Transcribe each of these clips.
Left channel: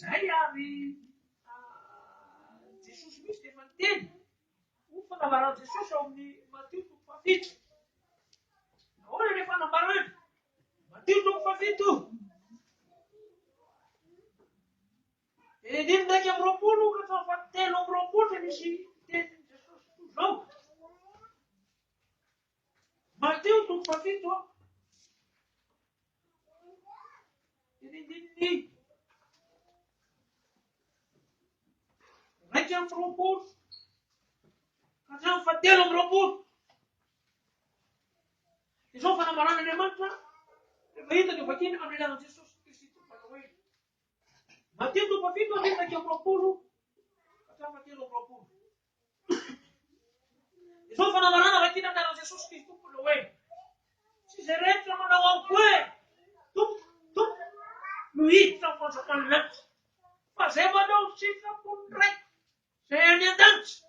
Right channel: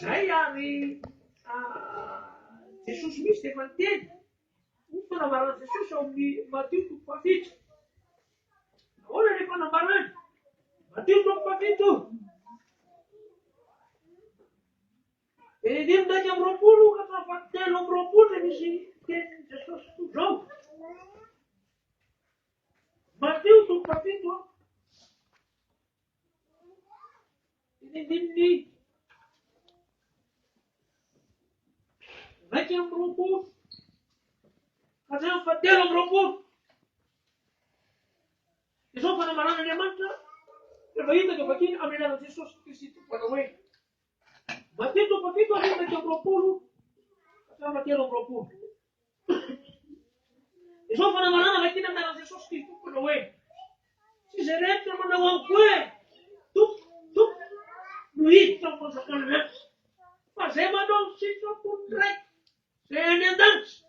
Zay ary Jesosy misy dia efa niteny ho fanambarana Jesosy ao amin'ny Matio 7. Ahoana ilay fanambarana? Matio 7. Dimy ndraiky amby roapolo ka hatramin'ny 7 dia misy tenin'i Jesosy toy izao. Matio 7 dinidininy raiky amby roapolo ka hatramin'ny 7 amby roapolo. Izao fanambaran'Andriamanitra rehefa hitako vakiny amin'ny anaran'i Jesosy Kristy tompona hoe Matio 7 raiky amby roapolo ka hatramin'ny 7 amby roapolo. Izao fanambarana vakiny amin'ny anaran'i Jesosy Kristy tompona hoe tsy izay rehetra manao amiko hoe tompo no hiditra amin'ny fanjakana lanitra, fa izay manao sitrapony raiky izay any an-danitra.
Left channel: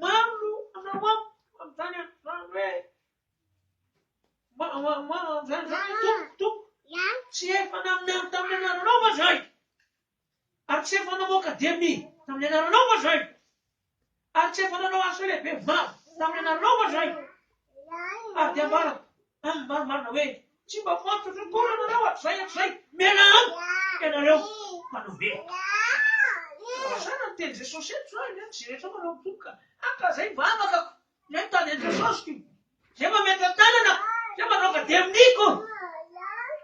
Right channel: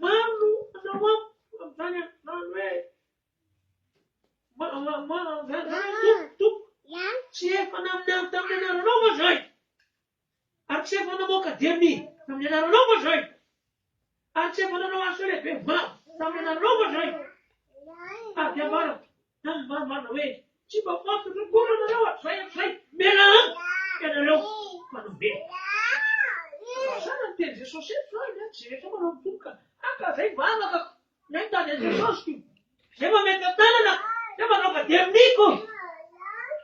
Maro no anao amiko amin'izany hoe tompo tsy efa tamin'ny anaranao moa zay, ary tsy efa namoaka demy tamin'ny anaranao moa zay, ary tsy efa nanao asa lehibe vavy tamin'ny anaranao moa zay. Ary dia marina hoe tsy mba fantatra koa anareo hatrizay miala amiko ianareo manao velona. Sana ny teny Jesosy eto zany tsy rehetra manao mitomboka aka zay vavakako zay mitady an'i Jesosy ko zay mameta tanana zay manao kademniko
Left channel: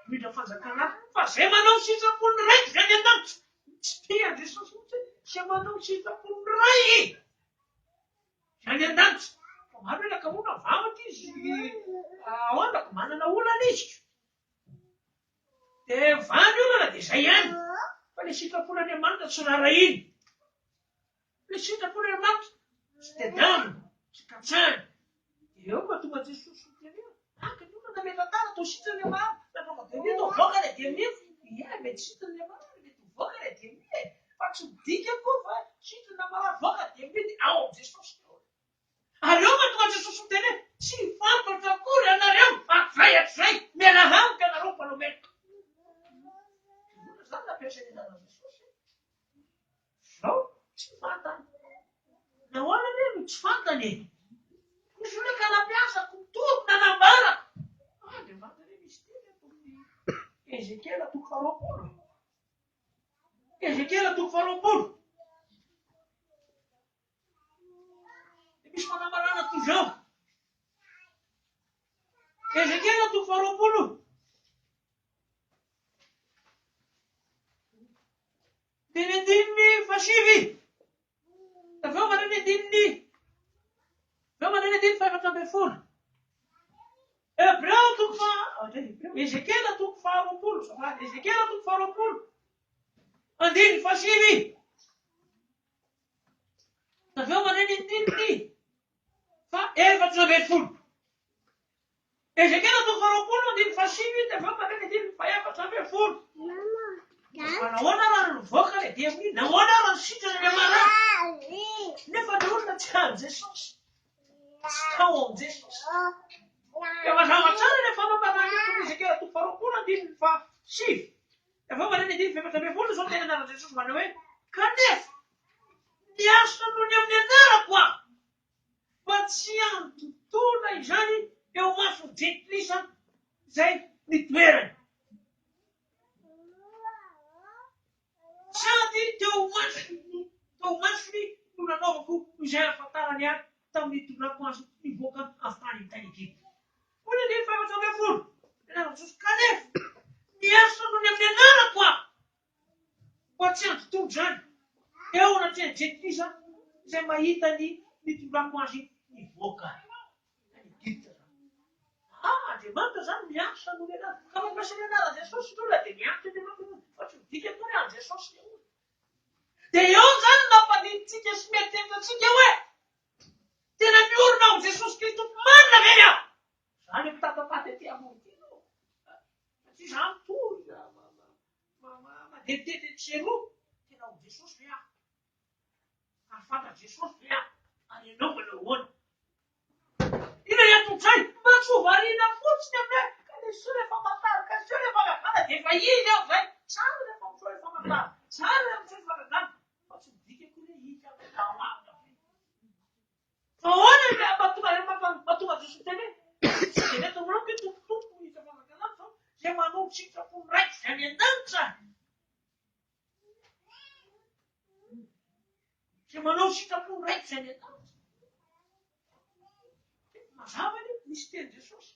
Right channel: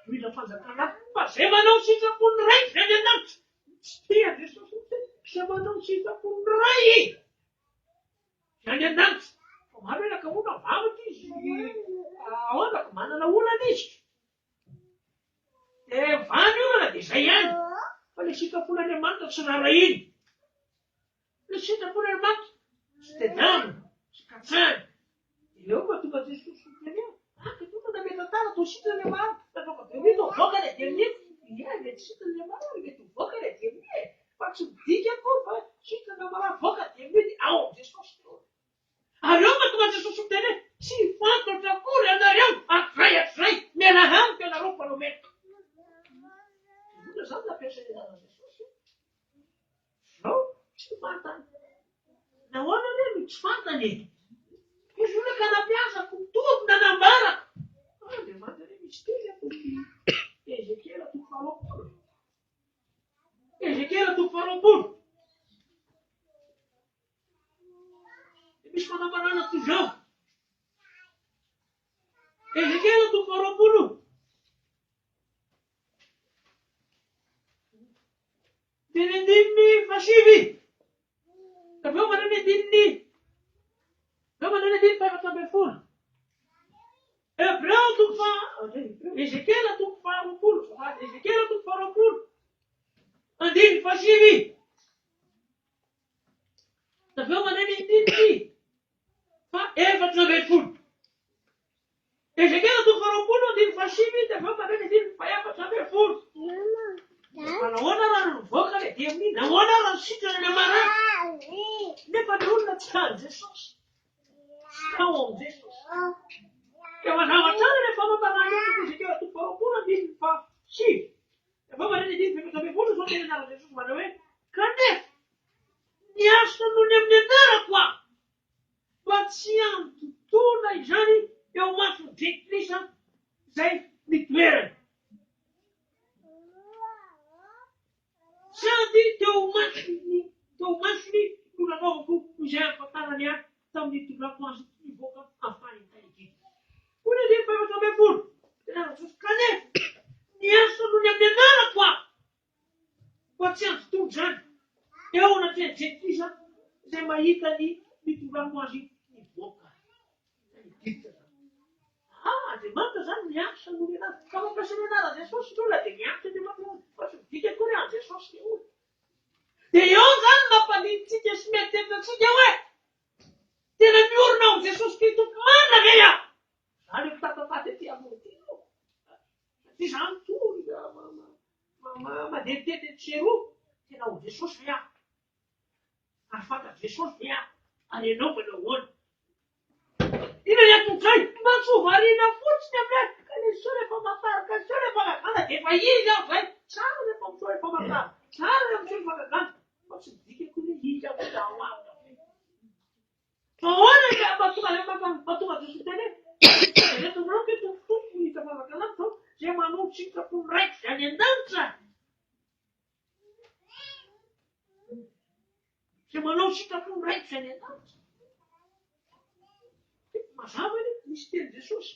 midra fanjakana fa zay manao sitrapony raiky zany an-danitra tsy tian'i Jesosy mihitsy zay manao sitrapony ray zany an-danitra. Fa maro hoe nakamoana vavaka izy ahoana manana olana izy dia vany io mana dia zay ihany. Fa le sitrapon'Andriamanitra tsy rara iny. Le sitrapon'Andriamanitra tsy tedamina, tsy katsahana. Eo mba tonga Jesosy miteny hoe akatona nameta tana to sitrany maro nanaova demy to voaka le demy ia mety sitrany maro mety voaka le demy fa tsy midika akory fa sitrana maro voaka demy ao amin'ny Jesosy. Ary eo mba tonga Jesosy miteny hoe tsy fantatra akory ianareo hatrizay miala amiko ianareo mpanao mety. Zany nampiasainy anaran'i Jesosy. Zao tsy fantany. Nahoana ne no tsy fantany? Izy io ka nampiasako tompy nanambarako. Andriamanitra ne misy teny atoky Ezekiela 20. Ezekiela 20. Misy fanambarana toy izao. Ezekiela 20. Dinidininy 7. Aveo manana dininy 4. Hebreo Ezekiela 20. Ezekiela 20. Andiny 7. Aveo manana dininy 4. Ezekiela 20 andiny 7 aveo manana dininy 4. Nahoana raha nivoaka le dia amin'iny, nahoana raha nisitrana ny amarana. Nefa ny olona tsy any Jesosy, tsy tao amin'ny Jesosy. Dia mazava tsara le fanambarana eto Ezekiela 20 andiny 7. Aveo manana dininy 4 zao tena anaran'i Jesosy manao hoe kanefa ny asa noho ny amin'ny anarako aho mba tsy antontona izany eo mason'ny Jetrisa zay nitoerany. Sady teo masony no nanaovako izay ahafantarany ahy tamin'ny tondrako azy nivoaka avy tany amin'ny tany Egypta. Hoy ny 4. Tena Jesosy kanefa ny asa noho ny amin'ny anarako aho mba tsy antontona izany eo anatin'ny Jetrisa izay mahita ny nitondrako azy nivoaka tany Egypta. Andriamanitra zany miasa noho ny anarako. Ka mampiasa ny anaran'i Jesosy tola dia mianatra Andriamanitra fa tsy midika akory any Jesosy ny olona. Dia eo zany mampanintsika sy mieritreritratsika hoe tena miorona ao Jesosy Kristy marina ve aho? Zany mitatapaty aty amony ity no. Tsy zany toy madetitety tseroa tena ao Jesosy ve aho? Ary fantatry Jesosy ve aho? Ary ianao manao ahoana? Ina anton'izay mba tsy ho variana fotsiny amin'ahy ka le so rehefa matarika so rehefa mavana dia efa izy aho zay tsara rehefa tsara amin'ny fanagana fa tsy dikako ny hika fa ahoana mahatonga Jesosy teny hoe retomorao ke tompotompo hita fanagana zao zay manao sitrapony raiky zany an-danitra zay manao sitrapony raiky zany an-danitra mazava ny misy teny Jesosy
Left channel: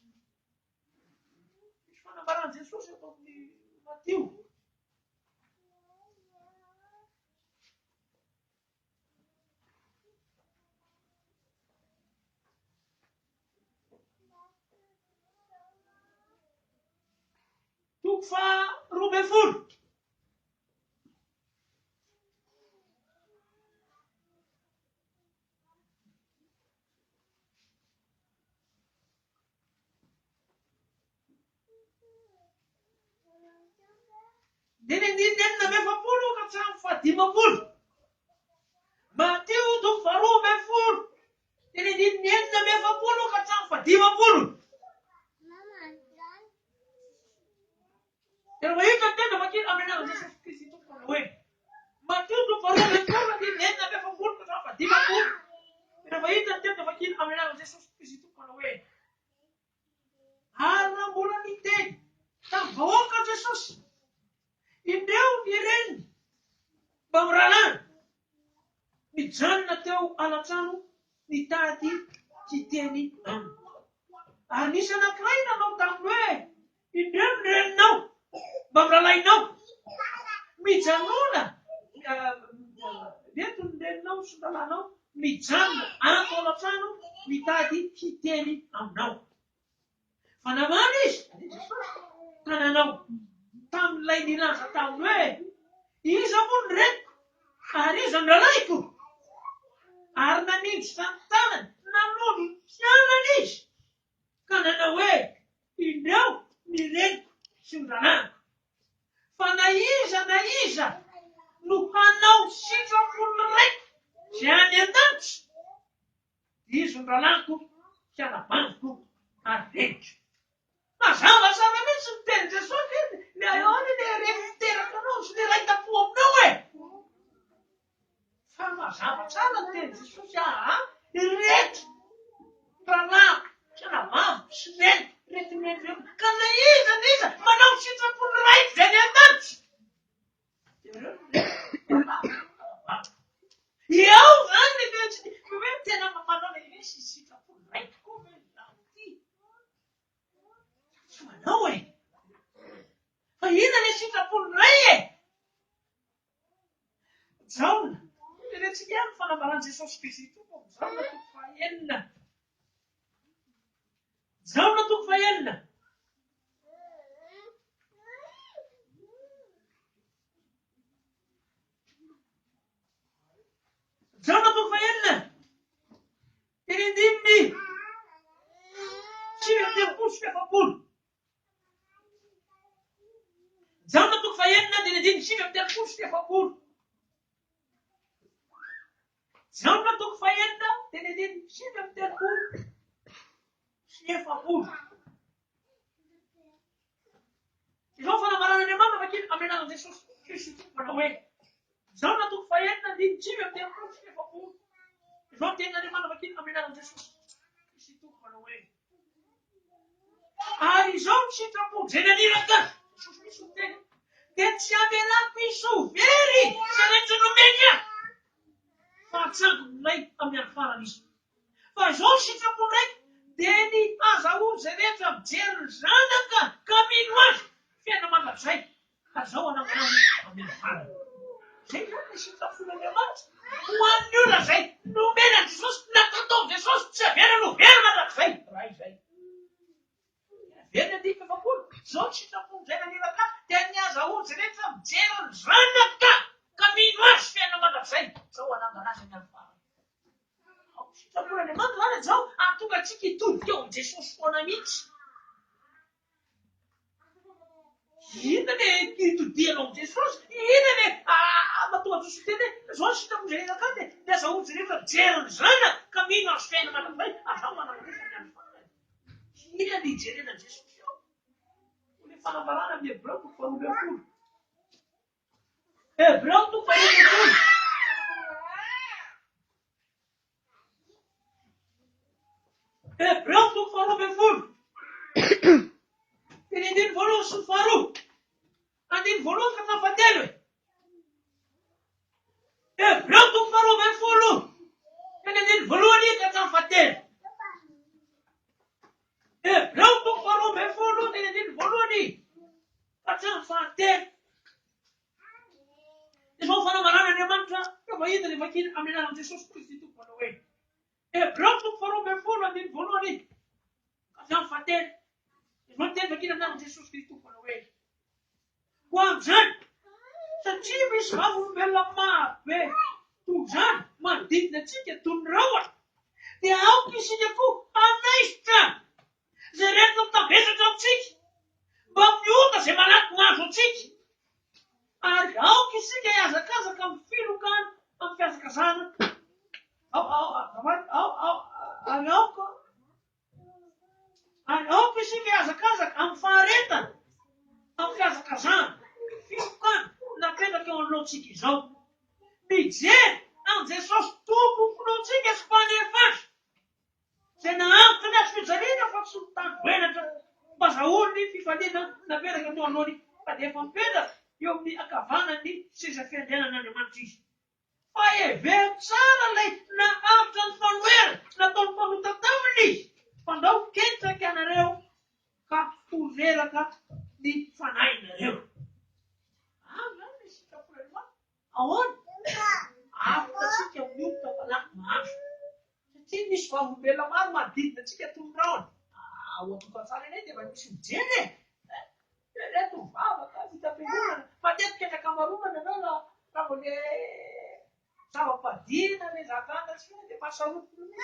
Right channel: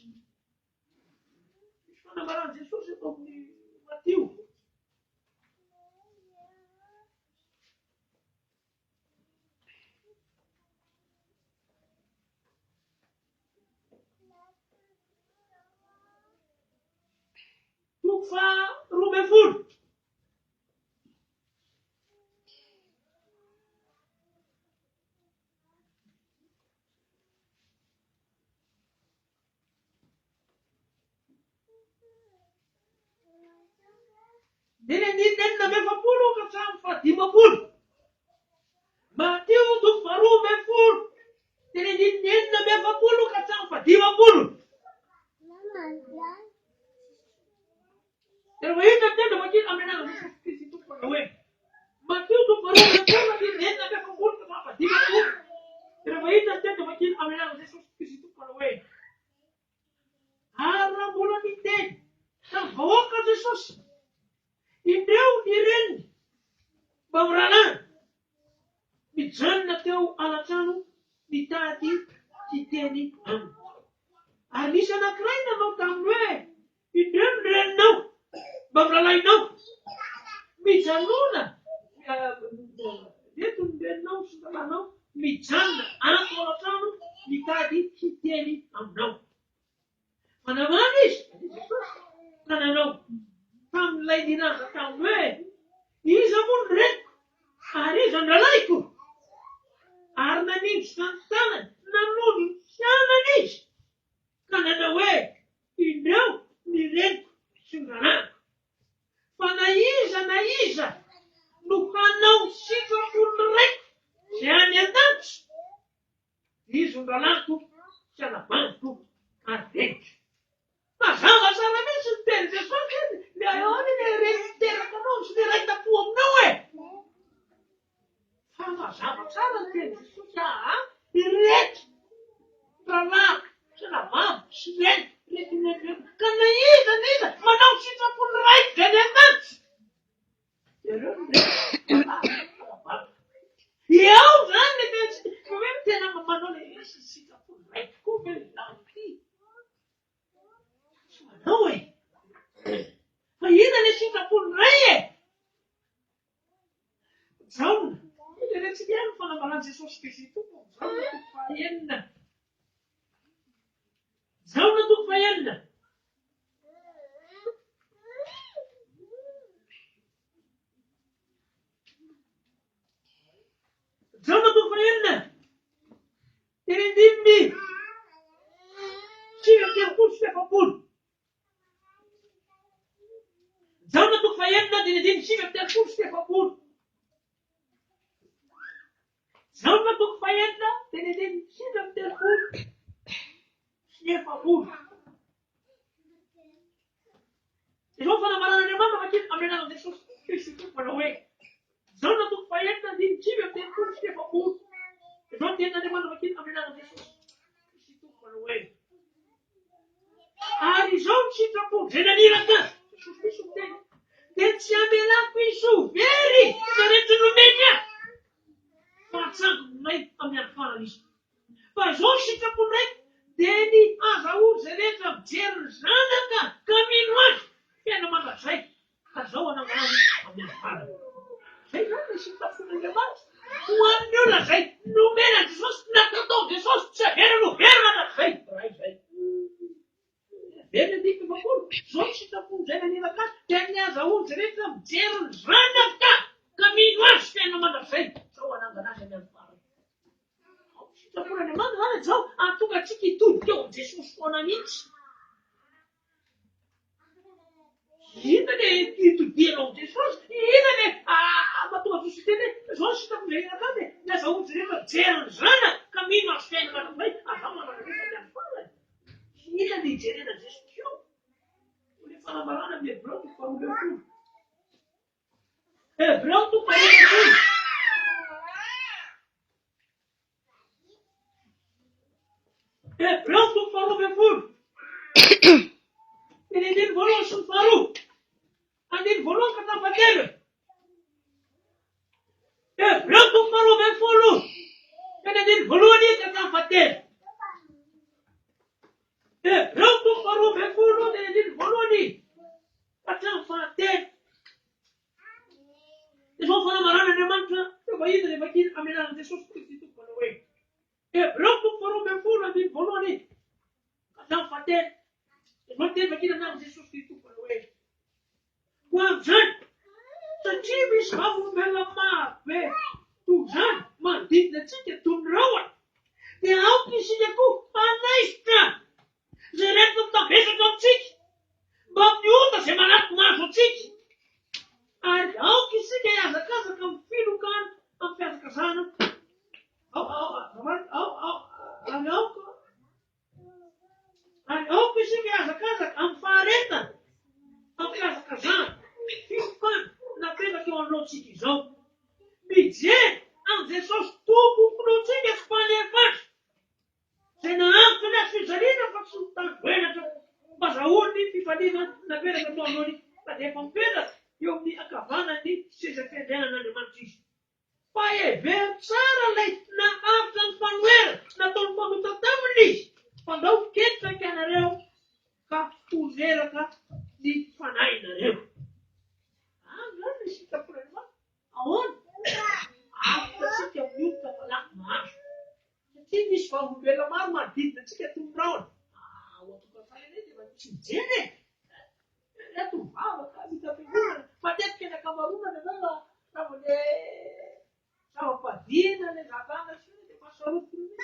misy fanambarany Jesosy eto amin'ny Matio toko faharoa ambin'ny folo dimy andininy enina amby efapolo ka hatramin'ny fahadimapolo. Matio toko faharoa ambin'ny folo dimy andininy enina amby efapolo ka hatramin'ny fahadimapolo. Rehefa hita tena vakiny amin'ny anarana Jesosy Kristy tompona hoe Matio toko faharoa ambin'ny folo andininy enina amby efapolo ka hatramin'ny fahadimapolo. Rehefa hita tena vakiny amin'ny anarana Jesosy Kristy tompona hoe ary raha mbola miteny tamin'ny vahoaka Jesosy indreo ny reniny mba mirahalahy mijanona teo alatrano nitady tsy teny aminy. Ary nisy anankiray nanao taminy hoe indreo ny reninao mba mirahalahinao mijanona reto ny reninao sy ny rahalanao mijanona ato alatrano mitady tsy teny aminao. Fa namana izy ka nanao tamin'ilay nilaza taminy hoe iza moa ny reniko ary iza ny rahalaiko ary nanindry zany tanany nanolo fianana izy ka nanao hoe indreo ny reniko sy ny rahalahy. Fa na iza no hanao sitrapony raiky zay any an-danitra izy ny rahalahiko sy anabaniko ary reniko. Mazava tsara mihitsy ny teny Jesosy le ahoany le reny miteraka anao sy le raita-po aminao e. Fa mazava tsara ny teny Jesosy reto rahalahy sy anabaviko sy reniko reto menireo ka na iza manao sitrapony raiky zany an-danitra ireo eo zany le hoe tena manao le sitrapony raiky koa ve lanty tsy manao e. Fa ina le sitrapony ray e. Jaona irentsika ihany fanambarany Jesosy Kristy tompony. Jaona toko fahaenina. Jaona toko fahaenina. Jaona toko fahaenina. Teny andininy sivy amby telopolo sy efapolo. Jaona toko fahaenina teny andininy sivy amby telopolo sy efapolo. Jaona toko fahaenina teny andininy sivy amby telopolo sy efapolo. Izao fanambaran'Andriamanitra vakiny amin'ny anarana Jesosy Kristy tompona hoe Jaona toko fahaenina andininy sivy amby telopolo sy efapolo. Izao tenin'Andriamanitra vakiny amin'ny anarana Jesosy Kristy tompona hoe ary izao ny sitrapony zay naniraka Jesosy misy miteny dia tsy amelako iso very za rehetra nomeka fa atsangolay amin'ny any izy. Fa izao ny sitrapony raiky dia ny azahoany zay rehetra mijery ny zanaka ka mino azy fiaina mandrakizay ka zao anangonany amin'ny farany. Zay zany le sitrapon'Andriamanitra ho an'ny olona zay nomena Jesosy natao Jesosy tsy avera no very mandrakizay raha izay. Verina andininy efapolo zao ny sitrapony zay naniraka dia ny azahoany zay rehetra mijery ny zanaka ka mino azy fiaina mandrakizay zao anangonany amin'ny farany. Sitrapon'Andriamanitra zany zao ahatonga antsika hitodika eo amin'ny Jesosy foana mihitsy. Ina le hitodianao amin'ny Jesosy, ina le mahatonga Jesosy teny hoe zao ny sitrapony zay naniraka dia ny azahoany zay rehetra mijery ny zanaka ka mino azy fiaina mandrakizay azao manangonany amin'ny farany. Ina le hijerena Jesosy eo. Le fanambarana amin'ny Hébreo toko faharoa ambin'ny folo. Hebreu tu falou me fulu. Hebreu tu falou me fulu. Ele didn't follow Sufaru. And didn't follow Katafatele. Hebreu tu falou me fulu. Ele didn't follow ni Katafatele. Hebreu tu falou me fulu. Ele didn't follow ni Katafatele. Isso fala marana de mantra. Eu vou ir daqui a menina de Jesus Cristo por no way. Hebreu tu falou me fulu. Ele didn't follow ni Katafatele. Não teve aqui na Jesus Cristo por no way. Quanzan, sa chibis havum bela ma be tuzan mandit na chike tunrawa. Te au kisi jaku anaista. Zereto ta besa ta chik. Bab niuta se manat maso chik. Ar au kisi ke asa casa kam filho kan am fesa casana. Au kisi ke asa casa am fareta. Am fesa casana. Ficando na pena que eu não te jogo. Me dizer, não dizer só tudo que não tinha que fazer mais. Se não, tu não fez ali, não faço tanto. Mas a ordem fica ali na pena que eu não olho. Cadê a pena? Eu me acabando ali, seja fedendo na demantis. Vai ver, Sara, na Altan Fanuera, na Tomando Tatamli. Quando eu quero que a Nareu, Capuzeira, de Fanaina, eu. Aonde? Você que é muito para falar mais. Você me esforço pela marmadita, você quer tudo para onde? O outro passado nem tem, mas me sentir, né? É tu fala, tá? Me tá pegando. Mas dentro que a camaruna, né? Na mulher. Tava padina, né? Já tá, assim, tem passado o filho, né?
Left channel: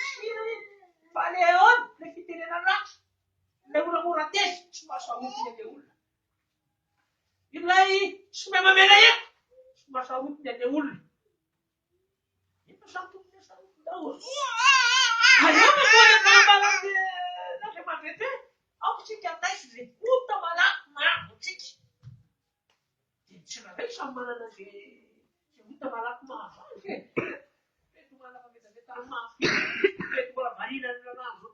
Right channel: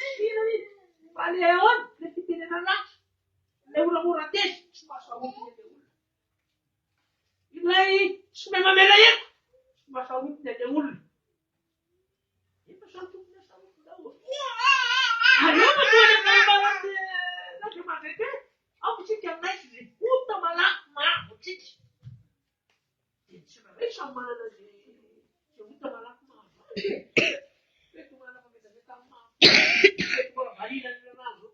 Falei, é onde? Nem que tem na noite. Nem uma muratez, se passar o filho de uma. E lá aí, se me mamelaia. Masawit na deul. Ito sangkot na sawit daw. Ayaw na ko na balak na kematete. Ako si kaya nice si puta malak chich. Sila rin sa mana na si puta malak Ito mana pagkita si tama. Ito wala marina na lang.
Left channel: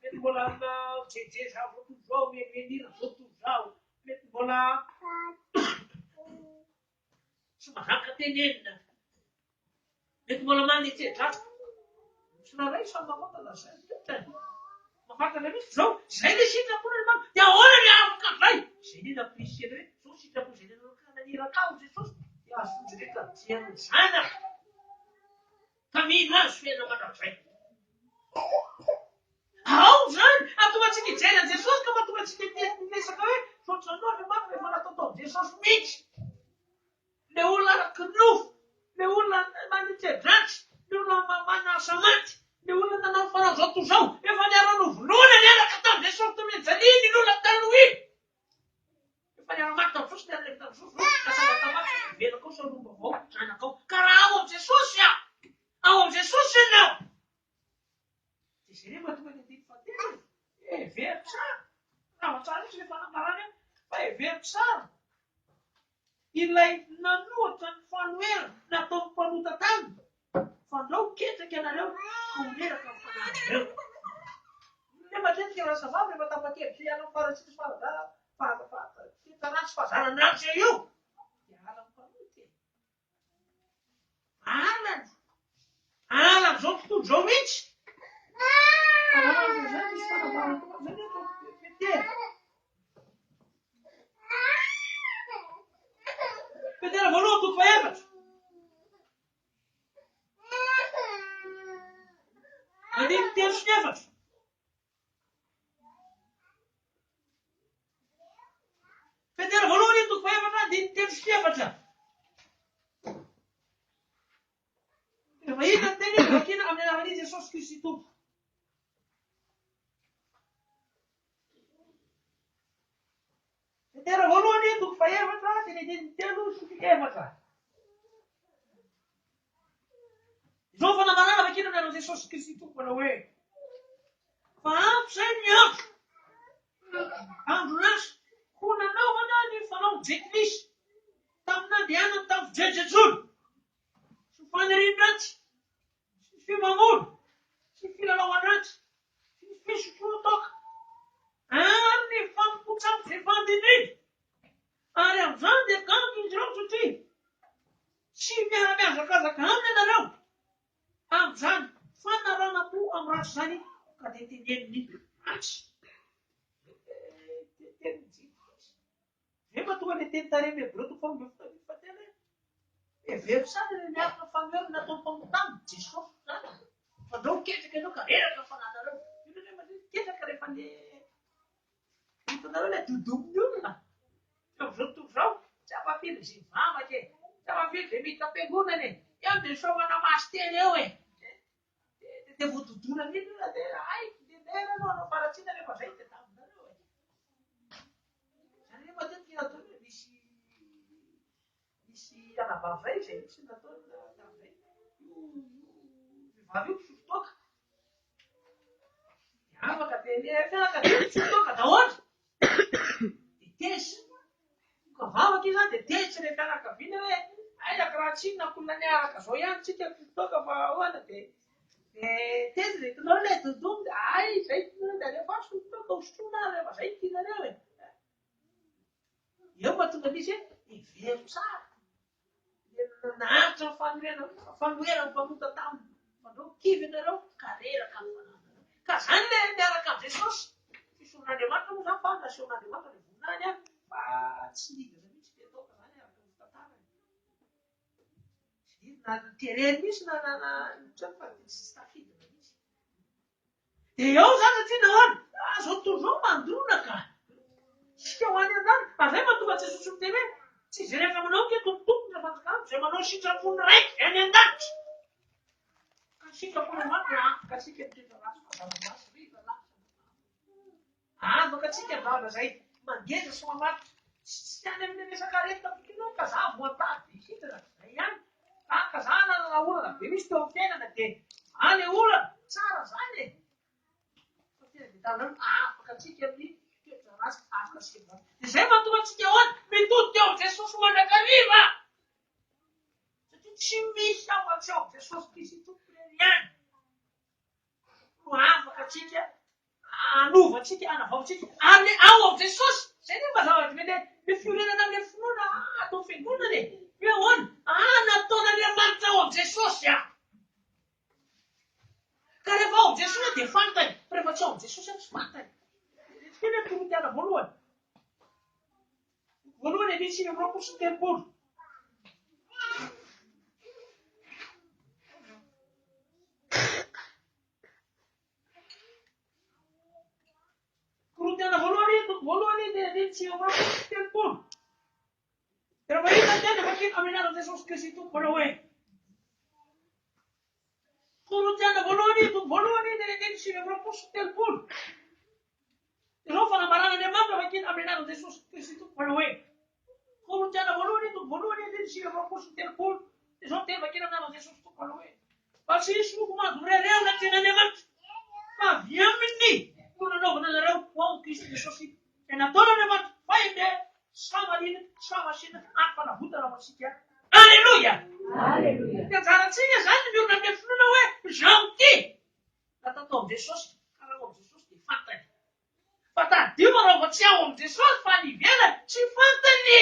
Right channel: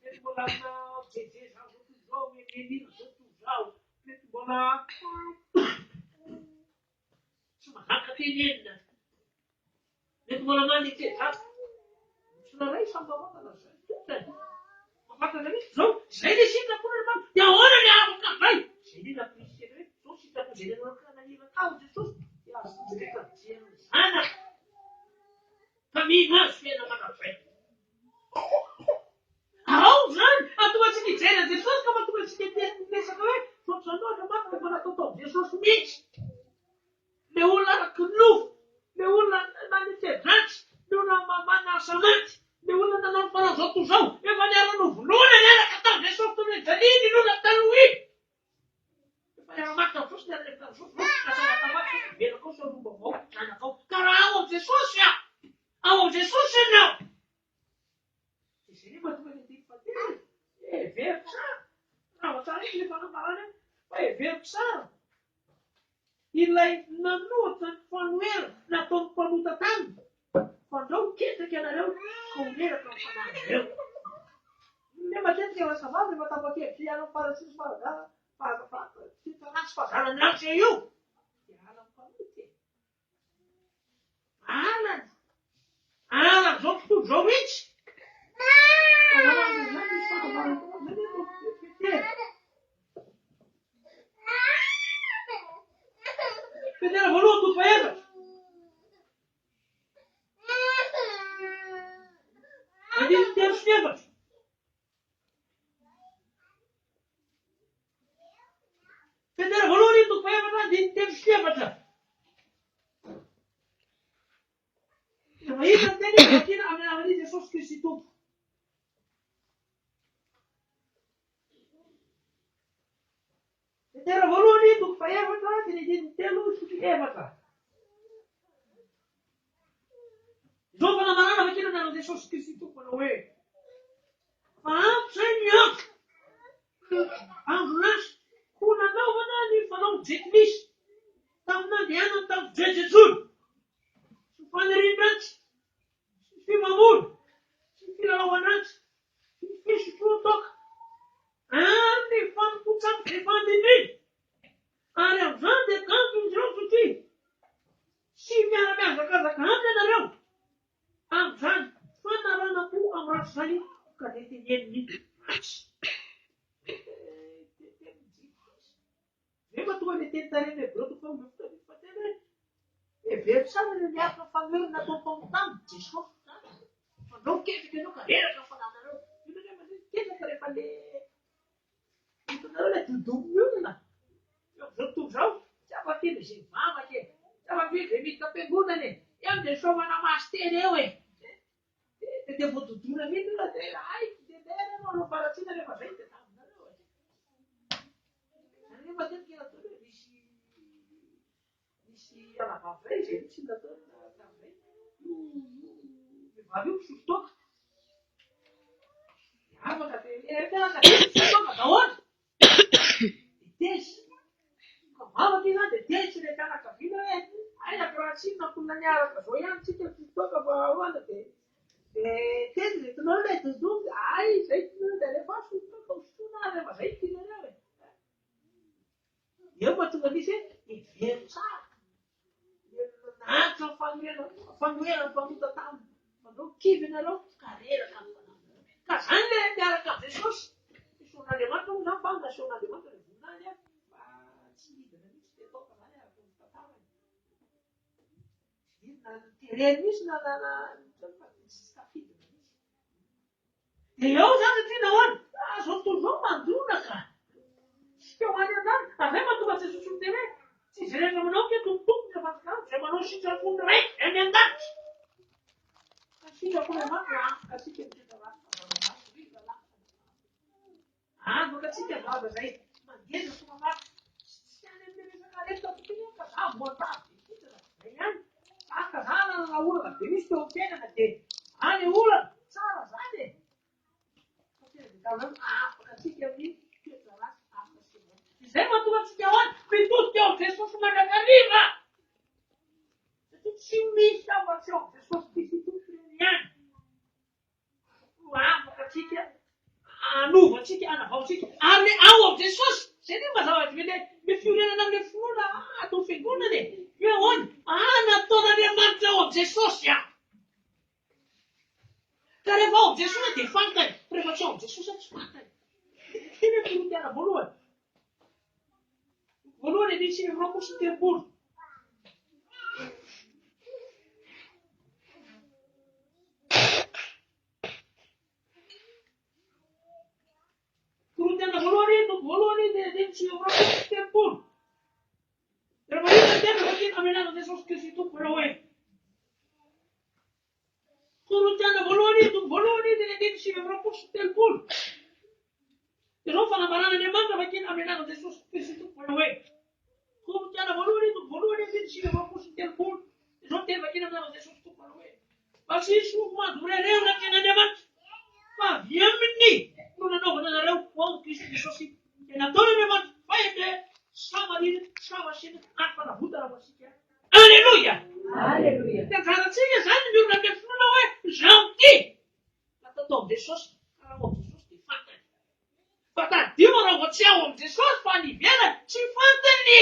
Ito wala na cheche sa puto jaw. Hindi na puto jaw. Ito wala Sumakakatingin na. Dito mo naman iti, ha? Sinaray sa mga talasan. Makata na rin. So, sinisita po na naman. Yawana niya ako kakay. Sinina po siya rin. So, sita po siya rin. Nanira ka, Jesus. Yasin siya rin. Siya sana. Kami na siya naman ang siya. How, son? At tuwa siya ni Jesus, kama tuwa siya ni sa kawin. So, sunod naman, may mga totoo. Jesus means. Leula knuf, leula manite trans, leula mamana samat, leula na fala só tu são, e valera no luna nela catar, deixa eu também sair de lula talui. E valera mata sus na leta sus, essa mata mata, vendo com seu rumbo, na com caralho de sucia, aonde sucia não. Se seria mais uma gente que fazer, é ver, sabe? Não, sabe que ele fala para né? Vai ver, sabe? Ilay nanutan fanwer na tong panutatan. Fandau kita kena leu kumira kang panadeu. Hindi matin kaya sa babi matapati siya lang para sa malga para kita nas pasaran lang sa iyo. Alam panuti. Alam so tu jomich. Alam jadi para tu jadi tu pete. Pedera voluto febas. Adil ter febas. Pedera voluto febas adil ter febas. Então aí tem aqui na minha Jesus Cristo. Pedera voluto febas adil ter febas. Zova na banana aqui no Jesus Cristo para o e. Fala, Senhor. Amnas, kuna na wana ni falou diklis. Tamna dia jejejolo, sy fanirian-dratsy, sy fimamono, sy filalaovan-dratsy, sy fisotroan-toaka, ary ny fampotsa izay fandininy. Ary amin'izany dia kanto izy ireo satria tsy miara-miazakazaka aminy ianareo. Amin'izany fanarana-po amin'ny ratsy izany ka dia teneniny ratsy. Zay mahatonga ilay teny tarimy Hebreo toko faha 9 fa tena heverina tsara ilay niaraka famery nataony tamotamo Jesosy zany. Fa andreo miketraka ianao ka reraka fananareo. Io ilay miketraka rehefa ilay hitanareo ilay dodominy olona. Amin'izao tontolo izao tsy afafily izay mivavaka e, tsy afafily izay miditra am-piangonana e, eo dia soavana maso teny eo e. Dia voadodona mihitsy olona dia ay denderana anao faratsiana rehefa izay dia taminareo e. Izany hoe matetika ataony hoe misy anabavay izay misy nataony tamin'izay. Vehivavy io misolo-toaka. Afaka dia fianakaviana misolo-toaka daholo. Dia tezy. Ka vavaka izy dia tezy ilay fianakaviana hoe aizaka raha tsy inona ankonina niaraka izao ihany tsika misolo-toaka fa ahoana dia tezy dia hitanareo ilay dodomy dia ay izay tianareo dia rehefa solon-toaka hosotroina ary rehefa izay tianareo e. Eo mahatonga misy hoe heverina tsara. Naharitra ny fanoherana mpamota taminy. Andreo kivy ianareo ka reraka ny fananareo. Ka izany ilay miaraka amin'ny Jesosy. Fisoron'Andriamanitra moa izany fa nasehoan'Andriamanitra ilay voninahiny any fa tsy nidina mihitsy dia ataoka izany araka ny tantarany. Tsy nidina tereny mihitsy na trano fa tsy tafidina mihitsy. Dia eo izany satria nahoana? Izao tontolo izao mandrona ka. Sika ho any an-dany. Izay mahatonga Jesosy miteny hoe tsy izy rehefa manao ke tompotompony ny fanjakana izay manao sitrapony raiky eny an-danitra. Ka sitrapony maty afaka tsika mitondra ratsy fahazavana riva lasa. Afaka tsika vava izay mangeza sy mamaky tsy any amin'ny resaka aretina tontolo ka za voatady hiditra izay ihany. Afaka za nanana olana be misy teo am-piainana dia any olana tsara izany e. Fa tena dia tamin'izany afaka tsika amin'ny toetra ratsy afaka tsika vava. Izay mahatonga antsika ahoana mitodika eo amin'ny Jesosy mandrakariva. Satria tsy misy afa-tsy eo amin'ny Jesosy Kristy tompony ihany. No afaka tsika hanovantsika hanavaontsika amin'ny ao amin'ny Jesosy. Izay dia mazava ilay fiorenana amin'ilay finoana atao fiangonana e. Hoe ahoana nataon'Andriamanitra ao amin'ny Jesosy aho. Ka rehefa ao amin'ny Jesosy dia fantany. Rehefa tsy ao amin'ny Jesosy tsy fantany. Tena Korintiana voalohany. Voalohany misy roapolo sy telopolo. Korintiana voalohany dia misy roapolo sy telopolo. Raha manina tena fakina amin'ny anarana Jesosy Kristy tompona hoe. Korintiana voalohany dia misy roapolo sy telopolo. Izao fanambarana Andriamanitra fakina amin'ny anarana Jesosy Kristy tompona hoe. Korintiana voalohany dia misy roapolo sy telopolo. Izao tena fakina amin'ny anarana Jesosy tompona hoe. Fa tsy misy moko mandorereo anaty ny Andriamanitra. Fa avy aminy no nanaovana anareo ho amin'ny Kristy Jesosy. Dia nataon'Andriamanitra fahibe samarina samasina ary fanavotana ho antsika. Alleluia! Alleluia! Dia anjarantsika izany miorina amin'ny finoana hoe gentil. Natao tao amin'ny Jesosy. Ka raha ao amin'ny Jesosy dia fantany. Fa tadio raha vao tsy ao amin'ny Jesosy fa ny ivelany tsy fantany.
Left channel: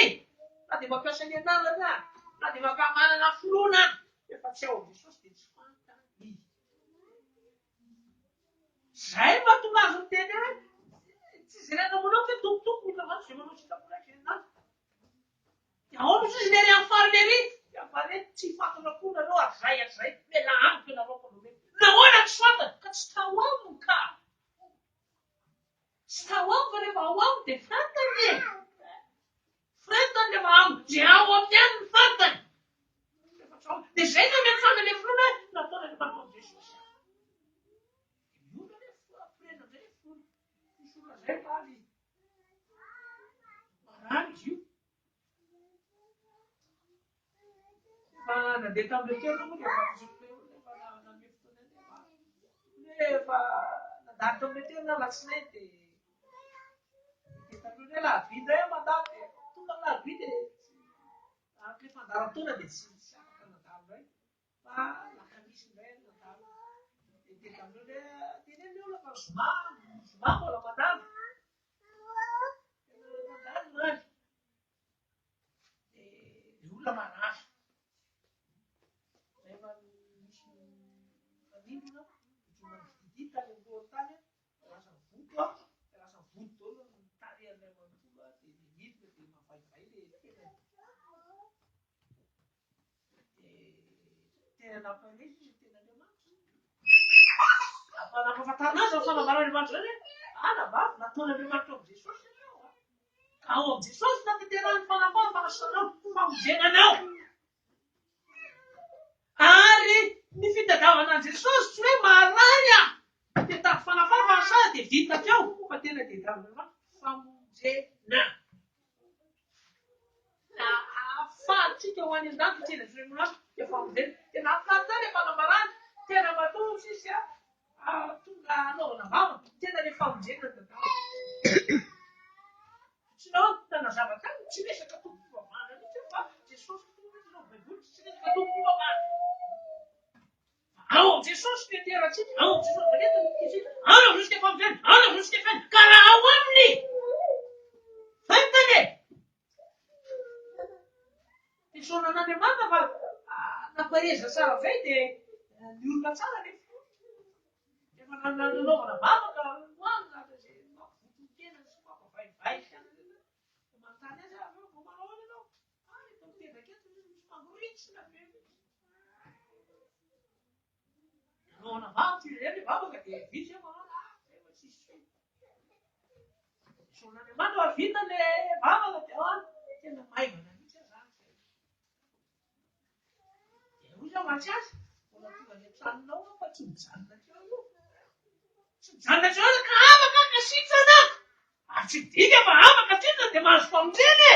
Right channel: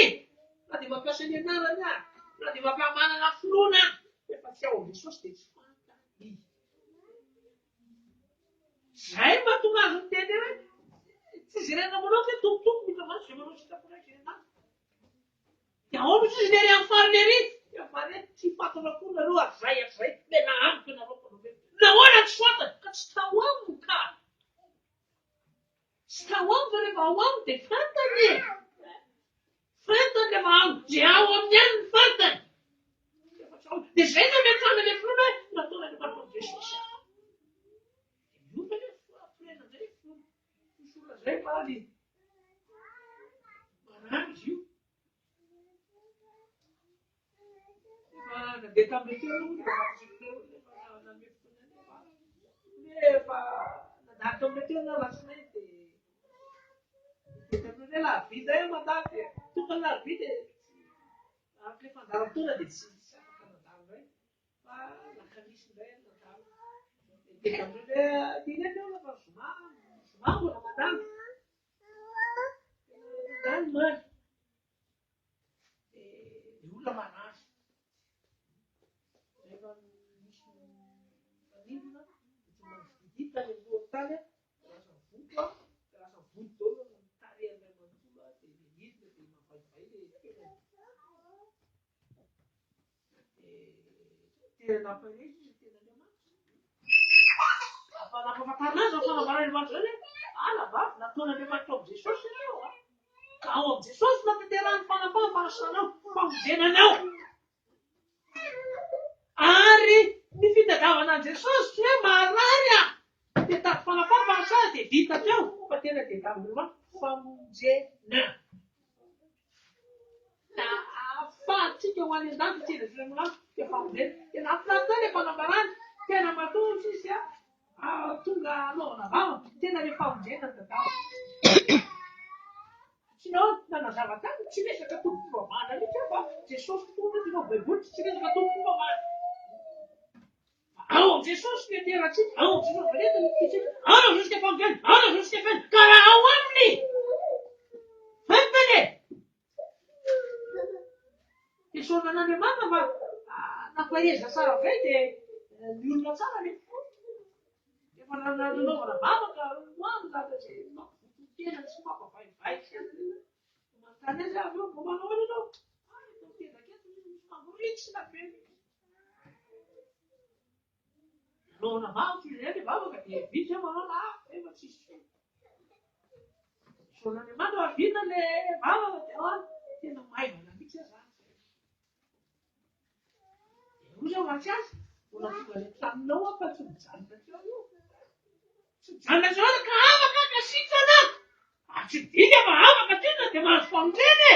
Na dia mampiasa ny anarana na dia mampiamanana finoana efa tsy ao amin'ny Jesosy dia tsy fantany. Izay mahatonga azy miteny hoe tsy jerena manao fe tompotompo mitra izany izay manao sitrapony raiky izay nany. Dia ao misy izy nery amin'ny farany ery. Fa reto tsy fantana koa nareo ary zay mena amiko ianareo mpanao. Nahoana tsy fantany? Ka tsy tao aminy ka. Tsy tao aminy fa rehefa ao aminy dia fantany. Fantany rehefa ao dia ao amin'ny any ny fantany. Dia izay no mety fangalay finoana hoe nataona ny manao Jesosy. Io fa ilay firena izay fisola izay fa ny marary izy io. Fa nandeha tamin'ilay toerana moa dia rehefa nandalo tamin'ilay toerana alatsinainy dia tamin'ilay lahavida eo mandalo dia tonga ny lahavida araka ilay Karatuna dia tsy afaka nadalo hoe fa laka misy indray nadalo. Dia amin'ilay ilay olona zoma mbola mandalo. Mandalo maly. Dia olona marafy. Rehefa misy manimona, dita ny amboan-tany, lasa voto, lasa voto daholo ny tarehan'ilay manontolo, dia midina dia mavaivay ilay tenany. Tena nampahirizy ny tenan'Andriamanitra. Nampahafantarina azy ny fanambaran'Andriamanitra zany hoe alaba nataon'Andriamanitra ao Jesosy ianao. Ka ao amin'ny Jesosy natanterahany fanasanao, famonjenanao. Ary ny fitadiavana an'i Jesosy tsy hoe marary dia tato fanafana fanasana dia vita teo fa tena dia tadiavan'Andriamanitra famonjena. Na ahafahantsika ho any an-dafy tsy Andriamanitra dia famonjena. Tena ahafinaritra ilay fanambarany, tena matoa sisy tonga anaovana vava, tena ilay famonjena ny tadavana. Tsy nahoana nazava tany tsy resaka tompo-pivavahana mihitsy fa Jesosy tonga dia nao baiboly tsy resaka tompo-pivavahana. Ao amin'ny Jesosy no iterantsika, ao amin'ny Jesosy rehetra no ikitsika, ao no jusqu'à famonjena, ao no jusqu'à fin, ka raha ao aminy fentiny. Dia soana an'Andriamanitra fa nampahireza tsara ve dia ny olona tsara rehefa efa nanaovana vavaka hoany zaka izay mampivototena sy mampavaivay sy manontany azy avy eo vao manao any ianao. Eto tendaketo misy mamoritsina be. Anaovana vavaka izy izay ilay vavaka dia vitsy manao efa tsisy. Soana Andriamanitra fa vita ilay vavaka dia ao any tena maivana mihitsy izany. Oza matsiasy, mbola tonga ilay traninao fa tsy mijanona teo io. Tsy mijanona teo ka afaka ka sitrana. Tsy dika fa afaka sitrana dia mahazo famonjena.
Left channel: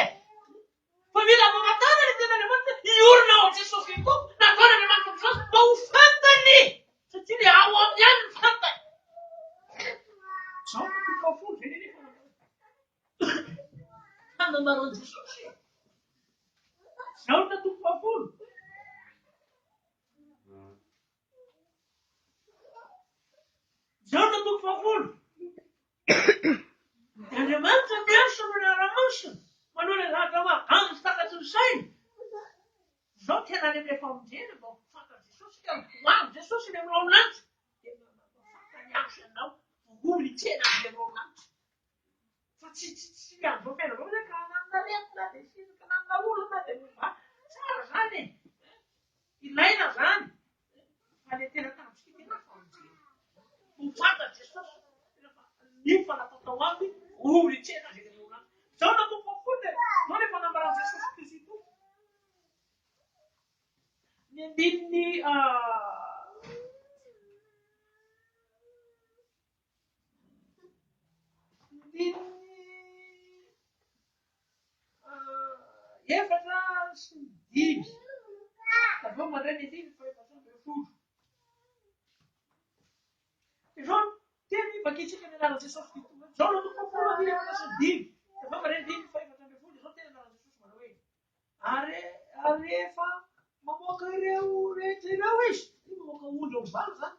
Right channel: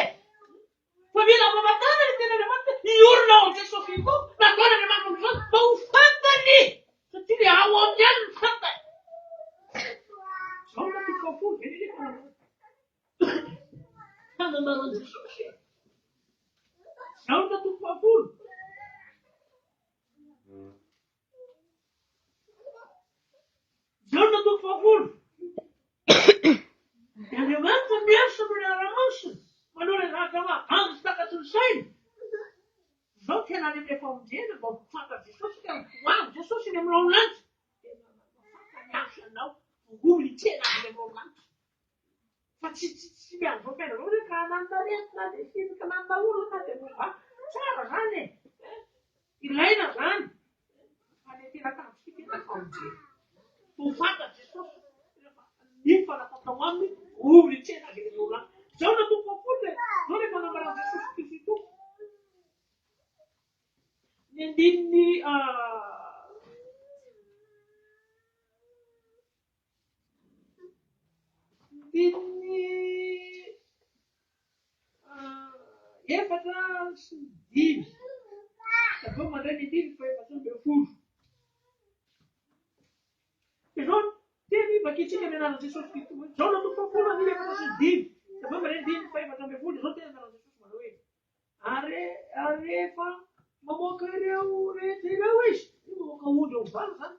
Fa mila mamatana ny tenan'Andriamanitra iorina ao amin'ny Jesosy Kristy nataon'Andriamanitra ny Jesosy mba ho fantany. Satria ilay ao amin'ny ihany ny fantany. Izao no tokafolo izay rehefa fanambaran'i Jesosy. Izao no tokafolo. Izao no tokafolo. Andriamanitra miasa amin'ny ara-masina, manao ilay zavatra mahaganjo sy takatry ny saina. Izao tena any amin'ny famonjena mba ho fantatr' Jesosy ka hoavy Jesosy ny aminao lanitra. Tena fantany asa ianao, voly tena amin'ny aminao lanitra. Fa tsy mianjo ampela zao hoe ka nantaretina dia sisika nantaolana dia mova. Tsara zany e. Ilaina zany. Fa ilay tena tanjona tena famonjena. Ho fantatr' Jesosy. Iny fanapatao aminy, oly tsena dia aminao lanitra. Izao no tokafolo dia izao ilay fanambaran'i Jesosy Kristy ito. Ny andininy efatra sy dimy. Aveo mandray ny dimy fa efatra ambin'ny folo. Izao tena hivakitsika ny anaran'i Jesosy Kristy. Izao no tokafolo ny efatra sy dimy. Aveo mandray ny dimy fa efatra ambin'ny folo. Izao tena anaran'i Jesosy manao hoe ary rehefa mamoaka ireo rehetra ireo izy, mamoaka ondry ao valo zany,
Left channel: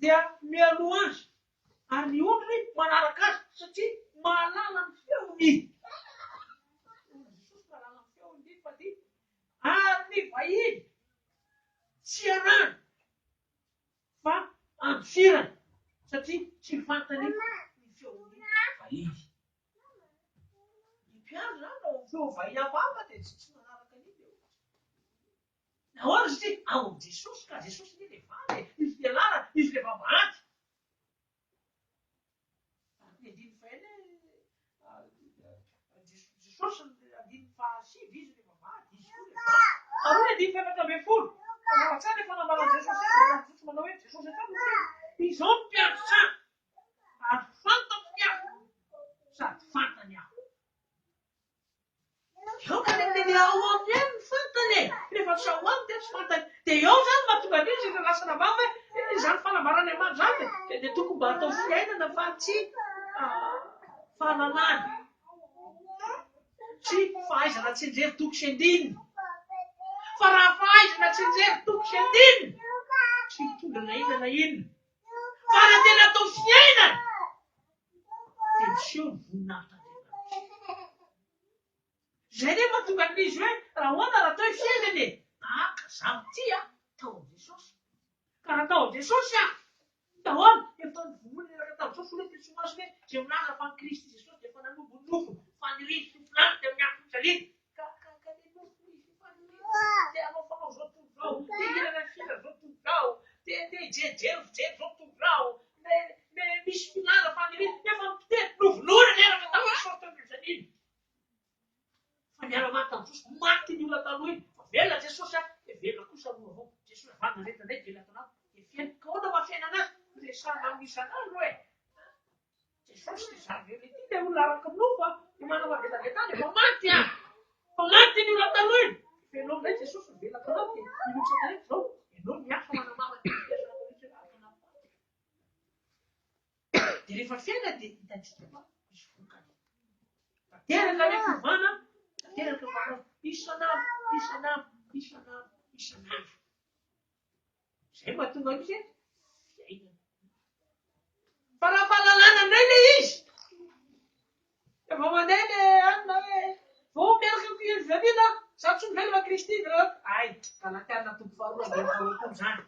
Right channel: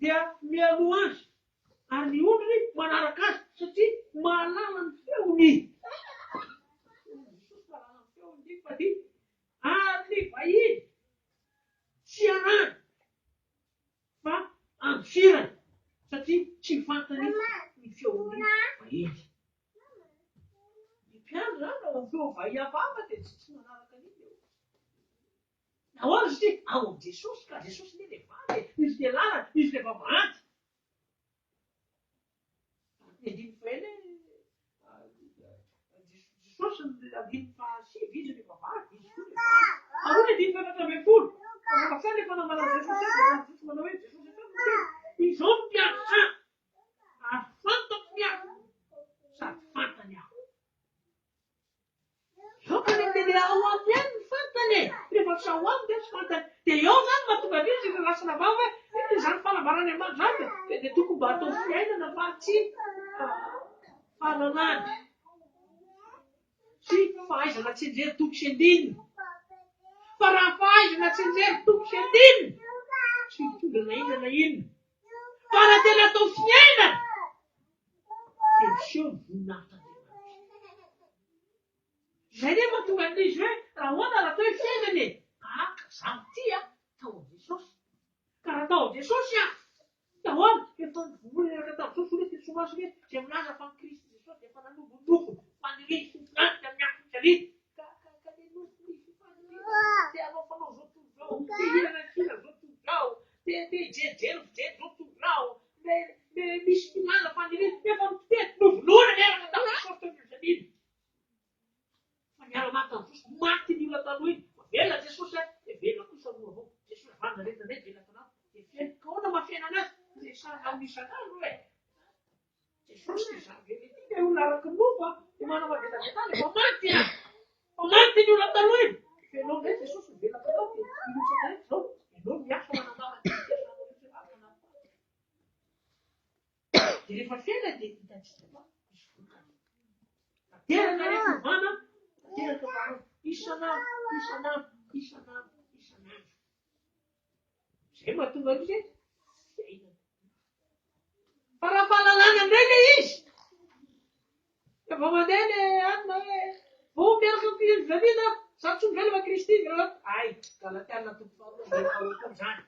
dia mialoha azy. Ary ny ondry manaraka azy satria mahalala ny feony. Jesosy mahalala ny feony fa dia ary ny vahiny tsy anany fa amfirany satria tsy fantany ny feony vahiny. Ny mpiandry zany ao amin'ny feo vahiny hafahafa dia tsy manaraka an'iny. Nahoana satria ao amin'ny Jesosy ka Jesosy ny ilay vava, izy ilay lalana, izy ilay vavahady. Ny andiny fahaenina Jesosy ny andiny fahasivy izy ilay vavahady, izy koa ilay vava. Ary ny andiny fahaefatra ambin'ny folo. Fa tsara ilay fanambaran'i Jesosy Jesosy manao hoe Jesosy atrano izao no mpiandry tsara. Ary fantako ny aho sady fantany aho. Eo ka ny ao aminy ihany ny fantany e. Rehefa tsy ao aminy dia tsy fantany. Dia eo zany mahatonga izy ireo lasana vava hoe izany fanambarany Andriamanitra zany dia tokony mba atao fiainana fa tsy fahalalana. Tsy fahaizana tsy mijery toko sy andinina. Fa raha fahaizana tsy mijery toko sy andinina, tsy mitondra na inona na inona. Fa raha tena atao fiainana, dia miseho ny voninahitran'Andriamanitra. Izay nefa mahatonga an'izy hoe raha ahoana raha atao fiainana e, tahaka zaho ty tao amin'i Jesosy. Ka raha tao amin'i Jesosy dahoana efa nivory rehetra tamin'i Jesosy hoe fisomasina hoe izay milaza fa Kristy Jesosy dia efa nanombo ny nofony fa niriny sy filanitra amin'ny andro fijalina. Ka ny nofony te hanao fanao zao tontolo zao, te hirana fihirana zao tontolo zao, te hijery fijery zao tontolo zao, misy filaza fa niriny efa mitety novolona rehetra tamin'i Jesosy tao fijalina. Fa miara-maty tamin'i Jesosy maty ny olona taloha iny. Fa velona Jesosy dia velona kosa moa avao. Jesosy vanja rehetra indray velona tanaty. Dia fiaina. Ka ahoana mahafiaina anazy? Resahana amin'ny isan'andro hoe Jesosy ty zavatra ity dia olona araka ny nofo dia manao avelabelana efa maty fa maty ny olona taloha iny. Ianao indray Jesosy ny velona tanaty dia milotsaka rehetra zao. Ianao miasa manamama dia rehefa fiaina dia hitantsika fa misy vokany. Tanteraka ilay fivana, tanteraka vahoana isan'andro. Izay mahatonga izy fiainana. Fa raha fahalalana indray ilay izy, efa mandeha ilay anona hoe vao miaraka amin'ny Kristy zaho tsy mivela fa Kristy izy ay galatiana toko faharoa dia faharoa izany.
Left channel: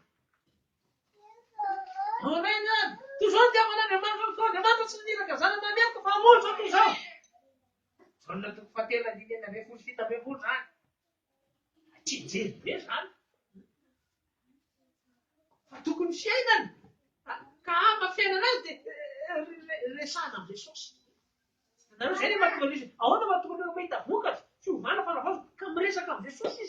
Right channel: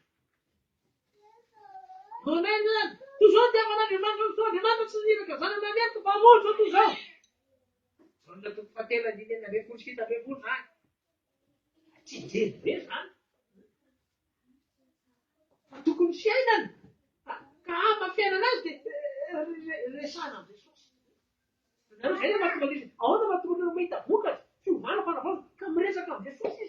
Aminay izany, toy izao ny tiavan'Andriamanitra toa Andriamanitra tsy niraka zany mamerika fa hamono zao toy izao. Zona toko fahatelo andiny enina ambin'ny folo sy fito ambin'ny folo zany. Tsy mijery be zany. Fa tokony fiainana. Ka mahafiainana azy dia resahana amin'ny Jesosy. Nareo izay mahatonga izy ahoana mahatonga anao mahita vokatra tsy ho vala fa raha ka miresaka amin'ny Jesosy